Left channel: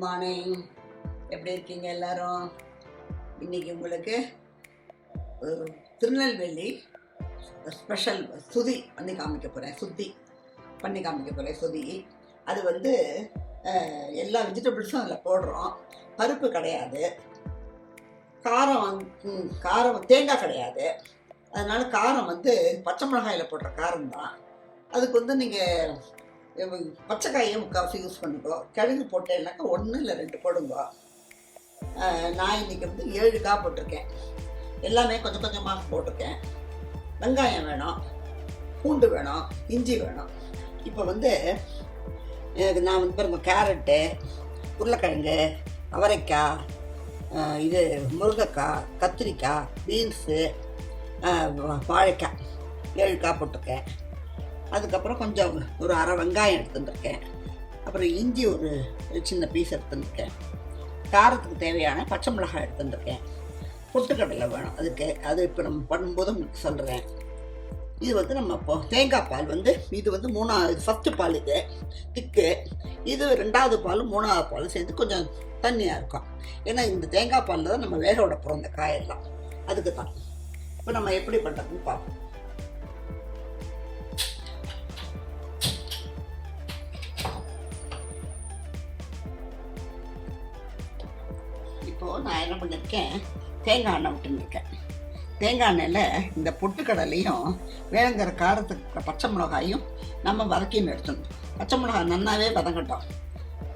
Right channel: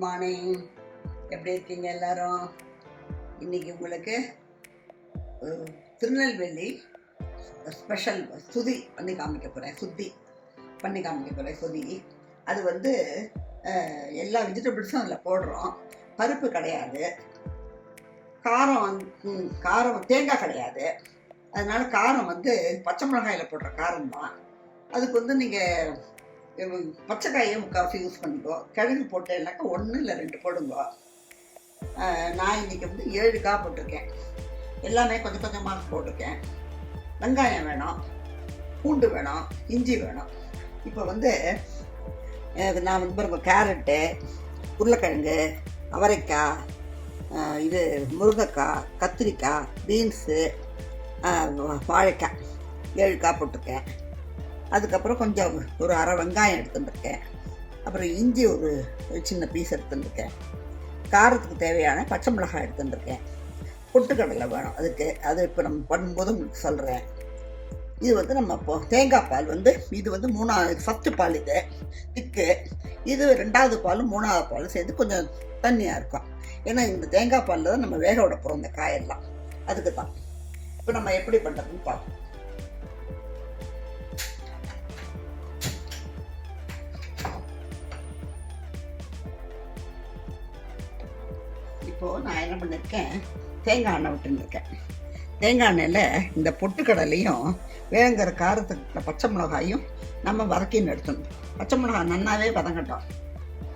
Good morning. எப்படி இருக்கீங்க எல்லாரும்? இன்றைக்கி உங்களுக்கு திருநெல்வேலி ஸ்பெஷல் சுதி பண்ணி காமிக்க போகிறேன். சுதி அது வந்து எல்லா வெஜிடபிள்ஸும் அதில் போடுறோம். பருப்பு கிடையாது, காரம் தேங்காய் கிடையாது. அதனால காரம் வந்து பச்சை மிளகாயில் போடுற காரம் தான். அதுக்கு வந்து நீங்கள் பச்சைக்காயை முக்கால்வாசி யூஸ் பண்ணிக்கோ. கிழங்கு போட்டேன்னாக்கா 1 இல்லை 2 போடுங்க. நான் இன்றைக்கி வந்து 7 காய் போட்டிருக்கேன். எல்லாமே கொஞ்சம் கொஞ்சமாக போட்டிருக்கேன். வெங்காயம் வேணும், பூண்டு வேணும், இஞ்சி வேணும். இப்போ வந்து நான் வந்து பாருங்கள், கேரட்டு, உருளைக்கிழங்கு, அவரைக்காய், இது முருங்கைக்காய், கத்திரிக்காய், பீன்ஸு, வாழைக்காய் 7 காய் போட்டிருக்கேன். அதுக்கப்புறம் கொஞ்சம் ஒரு அரை வெங்காயம் எடுத்துட்டுருக்கேன். அப்புறம் இஞ்சி ஒரு சின்ன பீஸ் எடுத்துட்டுருக்கேன். காரத்துக்கு தேவையான பச்சை மிளகாய் எடுத்துட்டுருக்கேன். பொட்டுக்கடலை வேணும் அதுக்கு. அது இப்போ நம்ம பண்ணும்போது உங்களுக்கு சொல்கிறேன். இது வந்து நம்ம இப்போ தேங்காய் பால் வந்து இது வந்து 3வது ஃபஸ்ட்டு பால், இது திக்கு. இது 2வது பால் 3வது பால் சேர்ந்து கொஞ்சம் தண்ணியாக இருக்கும். ஏன்னா இந்த தேங்காய் பாலில் தான் நம்ம வேக விட போகிறோம் இந்த காயெல்லாம். அதுக்கு தான் இப்போ நம்ம எப்படி பண்ணுறதுன்னு பார்ப்போம். இப்போது நான் என்ன பண்ணியிருக்கேன், தேங்காய் எண்ணெய் விட்டுருக்கேன். தேங்காய் எண்ணெயில் இந்த பொட்டுக்கடலையும் வேங்கிற காரத்துக்கு பச்சை மிளகாயும் நம்ம வதக்கின்னு எடுத்துடணும். பச்சை மிளகாய் நன்னாவே வதங்கட்டும்.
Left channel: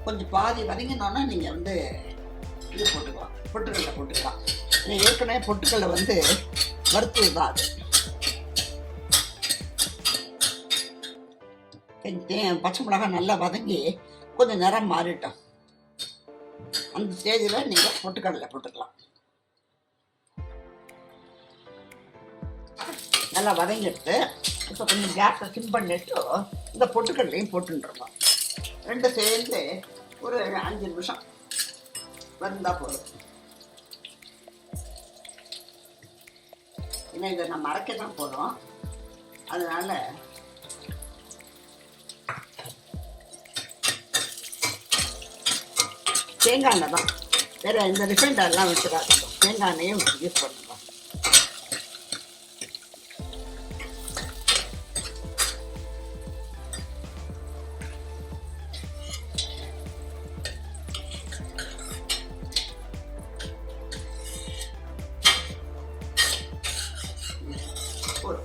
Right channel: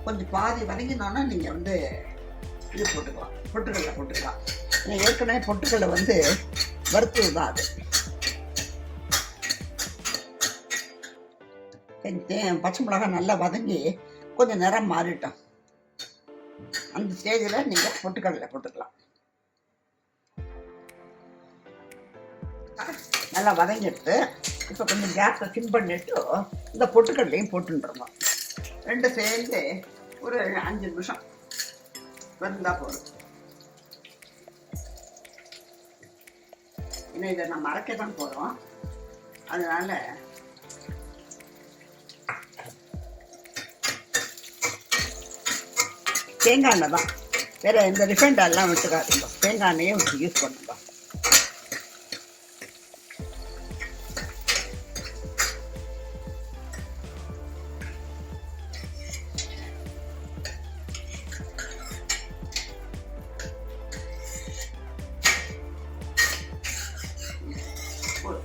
கொஞ்சம் பாதி வதங்கினோன்னா நீங்கள் வந்து இது போட்டுக்கலாம், பொட்டுக்கடலை போட்டுக்கலாம். ஏற்கனவே பொட்டுக்கடலை வந்து வறுத்தது தான் அது. பச்சை மிளகாய் நல்லா வதங்கி கொஞ்சம் நிறம் மாறிட்டோம். அந்த ஸ்டேஜில் நீங்கள் பொட்டுக்கடலை போட்டுக்கலாம். நல்லா வதங்கிடுது. இப்போ கொஞ்சம் கேஸை சிம் பண்ணிட்டு இந்த பொட்டுக்கடலையும் போட்டுருந்தோம். 2 சேர்ந்து ஒரு 5 நிமிஷம் வந்தால் போதும். ஏன்னா இதை நம்ம அரைக்க தான் போகிறோம். அதனால் தேங்காய் எண்ணெய் தான், வேறு எந்த ரிஃபைண்ட் ஆயிலெலாம் விட்டுக்காதுங்க. தேங்காய் எண்ணெயே யூஸ் பண்ணுங்க.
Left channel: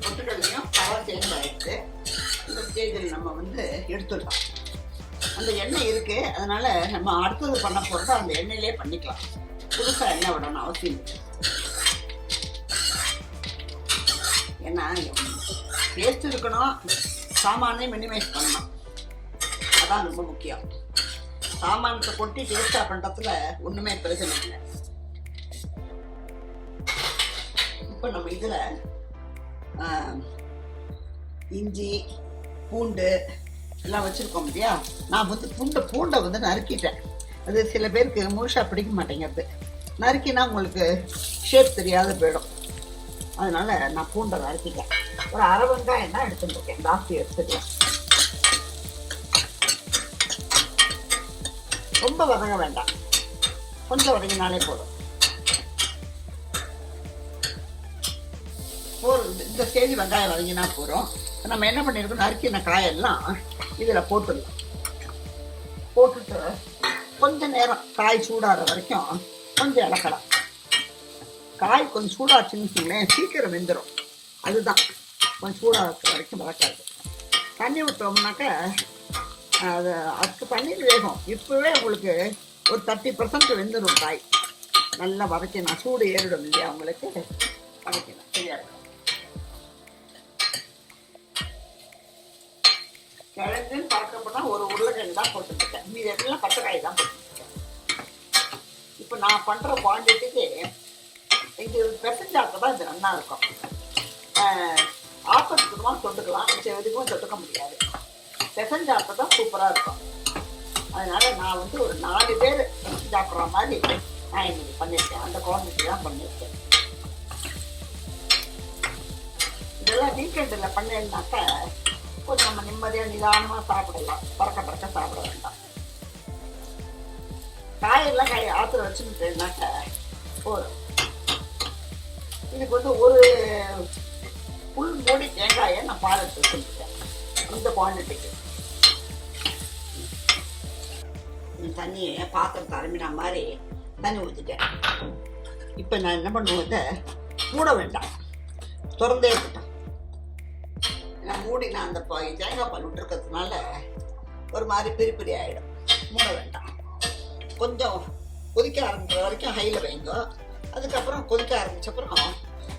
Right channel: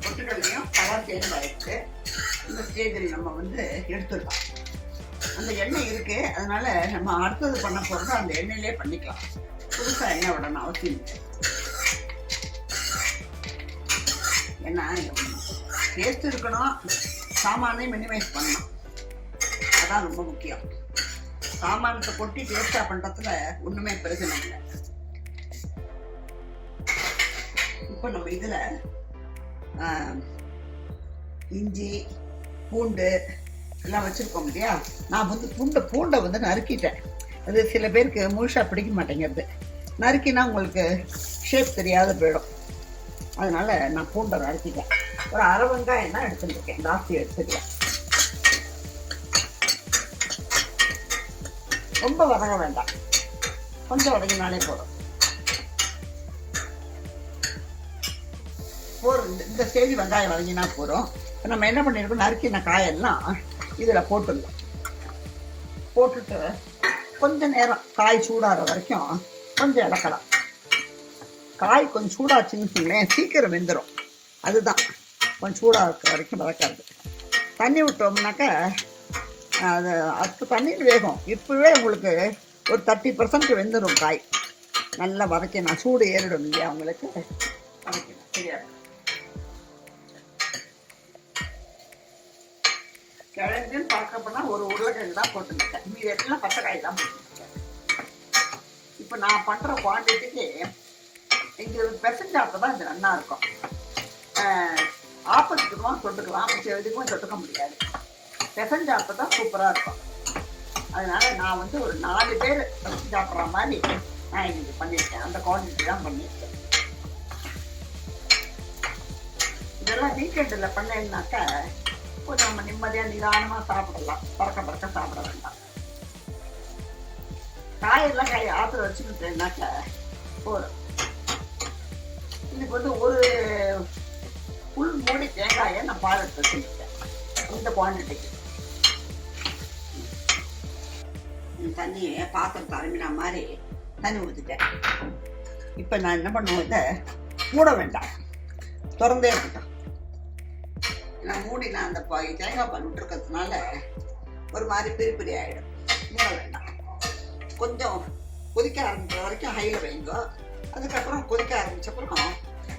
பொட்டுக்கடலையும் கலர் சேஞ்ச் ஆகிடுச்சு. இந்த ஸ்டேஜில் நம்ம வந்து எடுத்துடலாம். அந்த எண்ணெய் இருக்குது, அதனால் நம்ம அடுத்தது பண்ண போகிறதோ அந்த எண்ணெயிலே பண்ணிக்கலாம். புதுசாக எண்ணெய் விடணும் அவசியம் இல்லை. ஏன்னா டேஸ்ட் இருக்கணும், சாமானையும் மினிமைஸ் பண்ணணும். அதான் ரொம்ப முக்கியம். சாமானத்தை கொட்டி டேஸ்ட்டாக பண்ணுறதுல ஒன்றுமே பிரச்சனை இல்லை. இப்போ நம்ம இதில் இஞ்சி, பூண்டு எல்லாம் வச்சுருக்கோம் இல்லையா. நான் வந்து பூண்டை வந்து நறுக்கிட்டேன். அது சில பேருக்கு முழுசாக பிடிக்க மாட்டேங்கிறது. நறுக்கினா உங்களுக்கு ஷேப் தெரியாத போயிடும். அதனால் நான் பூண்டை நறுக்கிட்டேன். ஒரு அரை வெங்காயம் தான் எடுத்துட்டுருக்கேன், ஜாஸ்தி எடுத்துக்கலாம். ரொம்ப வதங்க வேண்டாம், கொஞ்சம் வதங்கினாலே போதும். இந்த ஸ்டேஜ் வெங்காயம் வதங்கினா போகிறோம். நம்ம என்ன பண்ணியிருக்கோம், நறுக்கின காயெல்லாம் இதில் போட்டுடலாம். போட்டுட்டு கொஞ்ச நேரம் காய் சூடாகிற வரைக்கும் கொஞ்சம் இலக்கலாம். காய் கொஞ்சம் சூடாச்சுன்னு வச்சுங்களேன், சீக்கிரம் வெந்துடும். அதுதான் கொஞ்சம் சூடாக வரைக்கும் வதக்காது. தண்ணி விட்டோம்னாக்கா அதுக்கு தண்ணியில் வேகும். இப்போவே உங்களுக்கு ஒரு 30% வெந்துடும் காய். நல்லா வதக்கணும், சூடு ஏறிடும் இல்லையா உங்களுக்கு, வதக்கணும். சரியாக கிழங்குன்னு பார்க்க போனால் ஒரு உருளைக்கிழங்கு தான் போட்டுருக்கேன். மீது எல்லாம் பச்சைக்காய் தான் போட்டுருக்கேன். இப்போ நான் பண்ணுற குவான்டிட்டிக்கு இங்கே பெசஞ்சாக்க தான் இது நல்லா இருக்கும். ஆப்பத்துக்கு தான் தொட்டுக்கலாம், மிச்சம் எதுக்கும் தொட்டுக்க முடியாது. பெசஞ்சாப்ப தான் சூப்பராக இருக்கும். அதனால் நான் வந்து ஒரு 4 பேர் சாப்பிட்ற மாதிரி நான் இன்னைக்கு பண்ணியிருக்கேன். அந்த குவான்டிட்டி தான் பண்ணியிருக்கேன். இதெல்லாம் வீக்கெண்டில் பண்ணேன்னாக்கா கொஞ்சம் நம்ம நிம்மதியாக நிதானமாக சாப்பிடலாம். பறக்க சாப்பிட வேண்டாம். காயெல்லாம் ஆற்றுல வச்சுக்கிட்டேன்னாக்க போதும். இதுக்கு வந்து ஒரு புல் மூடி தேங்காயை நான் பால் எடுத்து வச்சுருக்கேன் இந்த குவான்டிட்டிக்கு. தண்ணியை பாத்திரத்தை அருமினா மாதிரி தண்ணி ஊற்றிட்டேன். இப்போ நான் என்ன பண்ணுவேன், இதை மூட வேண்டாம், திறந்தே இருக்கட்டும். நான் மூடி நான் அந்த தேங்காய் பால் விட்டுருக்கிறதுனால ஒரு மாதிரி பெரிய பெரிய ஆகிடும். மூட வேண்டாம். கொஞ்சம் கொதிக்க ஆரம்பிக்கிற வரைக்கும் ஹையில் வைங்க. அதுக்கப்புறம் கொதிக்க ஆரம்பித்தப்புறம்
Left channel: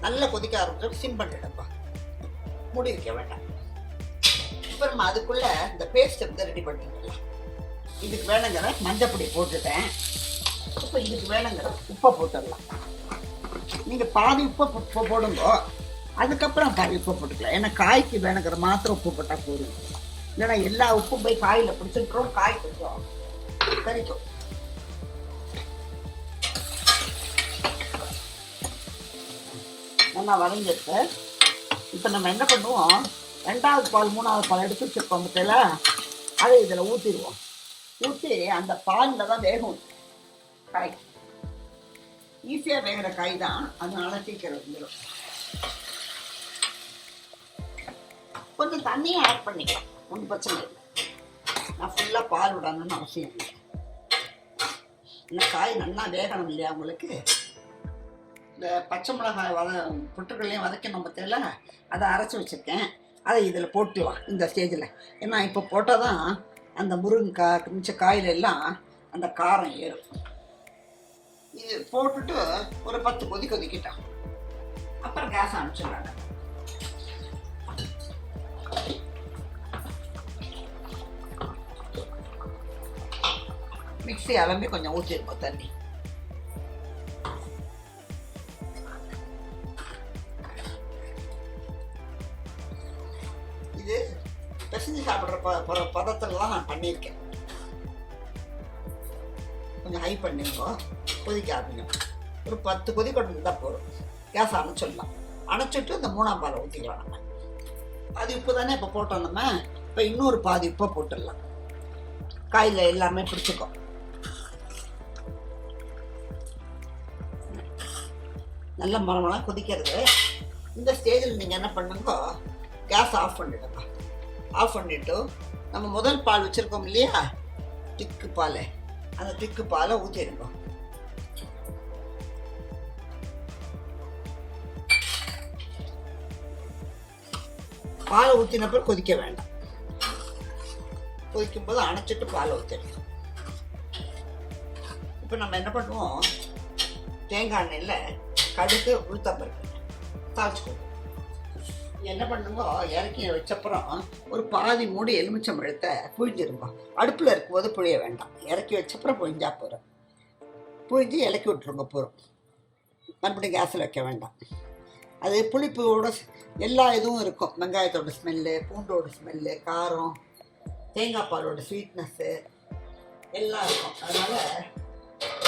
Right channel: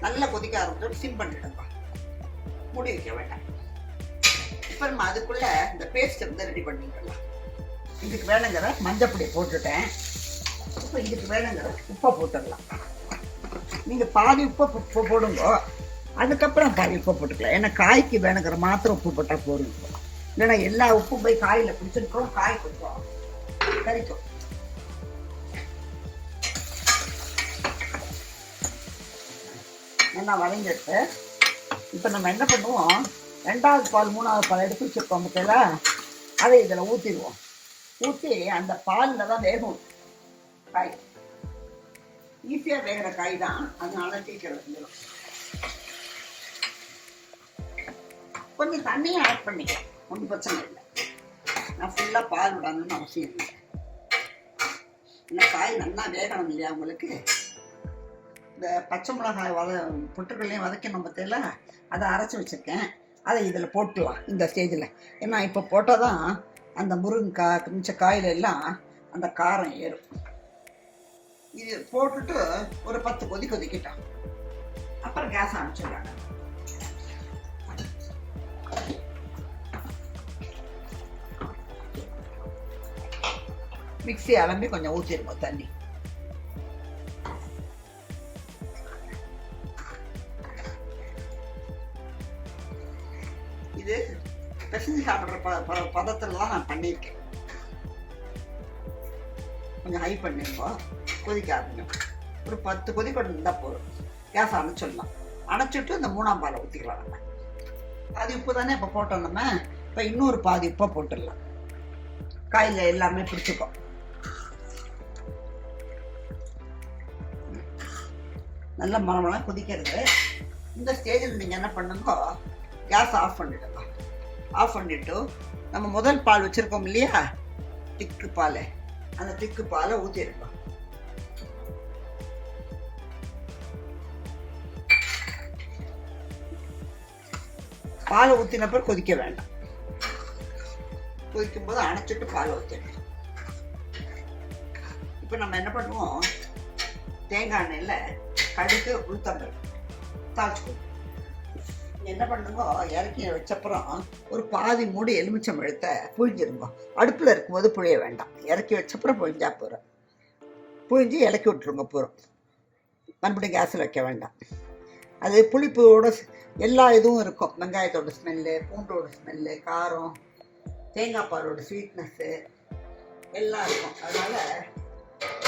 நல்லா கொதிக்க ஆரம்பிச்சோம் சிம் பண்ணிடுங்க, மூடி வைக்க வேண்டாம். இப்போ நம்ம அதுக்குள்ளே இந்த பேஸ்ட்டை வந்து ரெடி பண்ணிடலாம். இதுக்கு வேணுங்கிற மஞ்சப்பொடி போட்டுட்டேன். இப்போ இதுக்கு வேணுங்கிற உப்பை போட்டுடலாம். நீங்கள் பாதி உப்பை போடுங்க, அதுக்கப்புறம் காய் உப்பு போட்டுக்கலாம். ஏன்னா காய்க்கு வேணுங்கிற மாத்திரம் உப்பு போட்டால் போடுங்க. இல்லைன்னா எல்லா உப்பும் போய் காயில் பிடிச்சிருக்கிறோம், காய் கொஞ்சம் கறிக்கும். நல்லா வதங்கிட்டு இப்போ நம்ம என்ன பண்ணுவோம், 2வது பால் 3வது பால் எடுத்து வச்சுருக்கோம் பற்றில, அதை இதில் ஊற்றிடுவோம். ஊற்றி அந்த பாலில் தான் வேகும் காய். ஈஸியாக வேகிற காய் தான், அதனால சீக்கிரம் வந்துடும். கொஞ்சம் தண்ணியும் ஆட் பண்ணிக்கலாம், ஒன்றும் பிரச்சனை இல்லை. நான் ஃபுல்லாக பால் விடணும்னு அவசியம் இல்லை. இந்த காய் நல்லா வேகணும் இல்லையா உங்களுக்கு. இந்த பச்சை மிளகாய் புட்டுக்கள்லையும் வதக்கணும் பற்றில, அதை அரைச்சி வச்சுருக்கேன். அதை இதில் போட்டுலாம் இந்த ஸ்டேஜில். ஏன்னா இப்போ போட்டால் தான் அந்த முருங்கைக்காய் மிச்ச காயில் எல்லாம் அந்த காரம் ஏறும். இது போட்டுட்டு ஒரு 10 கொதி கொதிக்கிட்டோம். அப்புறம் கேஸ் அனுப்பிச்சிடுறாங்க. மிக்ஸி அலம்பி கொஞ்சம் ஊற்றிருக்கோம் தண்ணி. இது பிசைஞ்சு சாப்பிட்ற பதத்தில் தான் நான் பண்ணியிருக்கேன். கொஞ்சம் ஹை பண்ணிருக்கோம், கொதிக்க ஆரம்பிக்கும். ஒரு 10 கொதி கொண்டு இருந்தால் போதும். கேஸ் அணைச்சிடலாம். அணைச்சிட்டு இந்த 3ஆம் பாலை ஊற்றிக்கலாம். நம்ம பாதி உப்பு தானே இப்போ போட்டோம். நம்ம இப்போ இன்னொரு பாதி உப்பை போட்டுடலாம். காயில் எல்லாமே பிடிச்சிக்கும். நல்ல மரமெல்லாம் கொதிக்கிறது. இந்த ஸ்டேஜில் நீங்கள் என்ன பண்ணுங்க, கேஸ் ஆஃப் பண்ணிடுங்க. ஆஃப் பண்ணிவிட்டு நம்ம முதல் பால் வச்சுருக்கோம் இல்லையா, திக்கு பால், அந்த திக்கு பாலை ஊற்றிடுங்க. பாலை ஊற்றினப்பறம் கொதிக்க வேண்டாம். கொதிக்கும் போது அணைச்சிட்டு பாலை ஊற்றிடுங்க. இப்போ நம்ம என்ன பண்ணுவோம், தேங்காய் எண்ணெயில் கடுகு உளுத்தம்பருப்பு தாளிச்சு கொடுப்போம். என்ன பண்ணுங்க, இறக்கி வச்சப்புறம் ஒரு பாதி மூடி எலுமிச்சம்பழத்தை புழிஞ்சிருங்க. அடுப்பில் இருக்கும்போது புழிய வேண்டாம், இறக்கி வச்சப்புறம் புழிஞ்சா போகிறோம். புழிஞ்சு இறக்கி விட்டுருங்க போகிறோம். மறுபடியும் கேஸில் வைக்க வேண்டாம். அது புளிப்போட எல்லா இதுவும் இருக்கும். வெங்காயத்தோட ஸ்மெல்லு, பூண்டோட ஸ்மெல்லு, காரம், தேங்காய் பாலோட ஸ்வீட்னஸ்ஸு எல்லாம் இருக்கும். அதனால்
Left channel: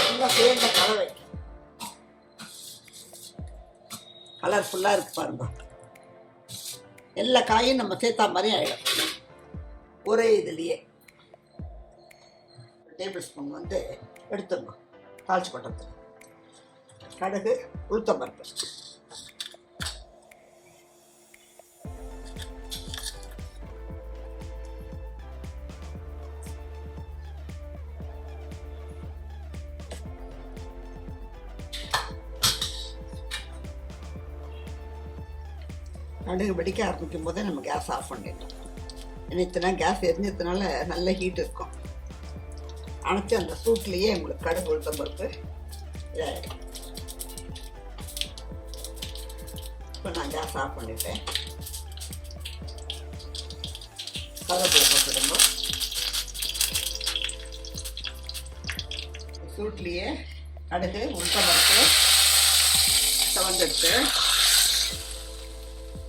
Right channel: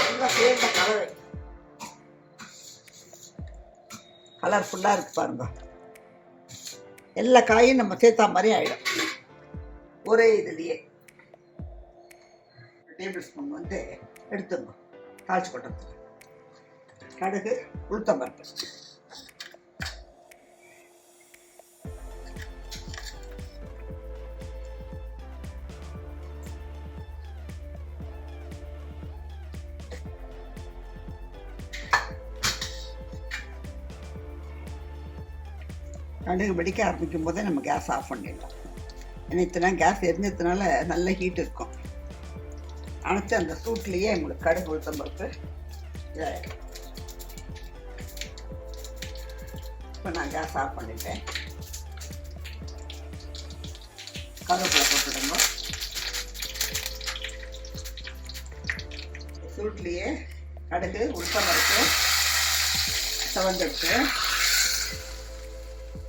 நல்லா சேர்ந்த கலவை கலர்ஃபுல்லாக இருக்கு பாருங்க. எல்லா காயும் நம்ம சேர்த்தா மாதிரி ஆகிடும். ஒரே இதுலேயே டேபிள் ஸ்பூன் வந்து எடுத்துங்க. தாளிச்சு கொட்டத்துக்கு கடுகு உளுத்தம்பருப்பு, கடுகு வெடிக்க ஆரம்பிக்கும் போதே நம்ம கேஸ் ஆஃப் பண்ணிடலாம். ஏன்னா இத்தனை கேஸ் எரிஞ்சதுனால நல்ல ஹீட் இருக்கும். அணைச்சி அந்த சூட்லேயே உங்களுக்கு கடுகு உளுத்தம்பருப்பு இதாகிடும். இப்போ நான் கேஸ் ஆஃப் பண்ணிட்டேன். கருவேப்பிலை போட்டுடுங்க. சூட்லேயே கடுகு உளுத்தம்பருப்பு செவந்தெடுத்து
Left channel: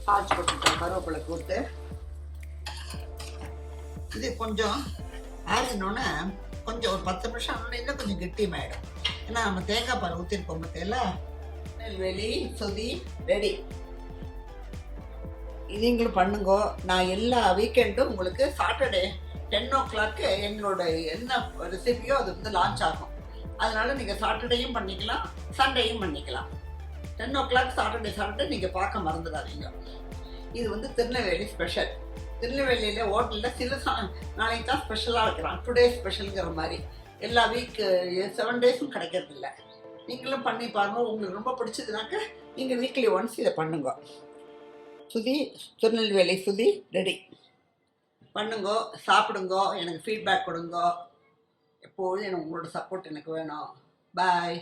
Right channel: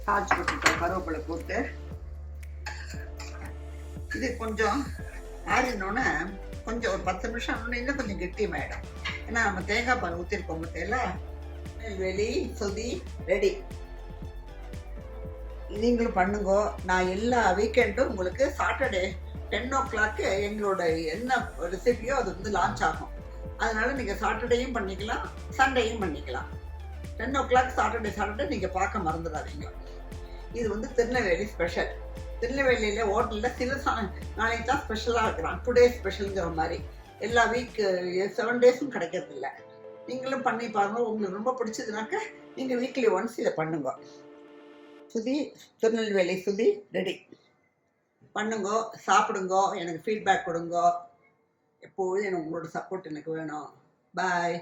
தாளிச்சு போட்டுட்டேன். கருவேப்பிலை போட்டு இது கொஞ்சம் ஆறினோன்னே கொஞ்சம் ஒரு 10 நிமிஷம் ஆனோடனே இன்னும் கொஞ்சம் கெட்டியமாயிடும். ஏன்னா நம்ம தேங்காய் பால் ஊற்றிருக்கோம் பற்றியில. திருநெல்வேலி சொதி ரெடி. நீங்களும் பண்ணுங்க. நான் எல்லா வீக்கெண்டும் உங்களுக்கு சாட்டர்டே 10 o'clock எங்களோட என்ன ரெசிபியோ அது வந்து லான்ச் ஆகும். அதனால் நீங்கள் சாட்டர்டேயும் பண்ணிக்கலாம், சண்டேயும் பண்ணிக்கலாம். 10 o'clock சாட்டர்டே நீங்கள் பார்க்க மறந்துடாதீங்க. இது வந்து திருநெல்வேலி ஸ்பெஷல். திருநெல்வேலியில் ஹோட்டலில் சில நாளைக்கு தான் ஸ்பெஷலாக வைக்கிறான். டுடே ஸ்பெஷலுங்கிற மாதிரி எல்லா வீக் 7 டேஸும் கிடைக்கிறதில்ல. நீங்களும் பண்ணி பாருங்கள். உங்களுக்கு ரொம்ப பிடிச்சதுனாக்க நீங்கள் வீக்லி ஒன்ஸ் இதை பண்ணுங்க. சுதி, திருநெல்வேலி சுதி ரெடி. பண்ணுங்கோ, சாப்பிடுங்கோ, எனக்கு ஃபீட்பேக் கொடுங்கோ. எப்போதும் எனக்கு உங்களோட சப்போர்ட் எனக்கு வேணும். பாய்.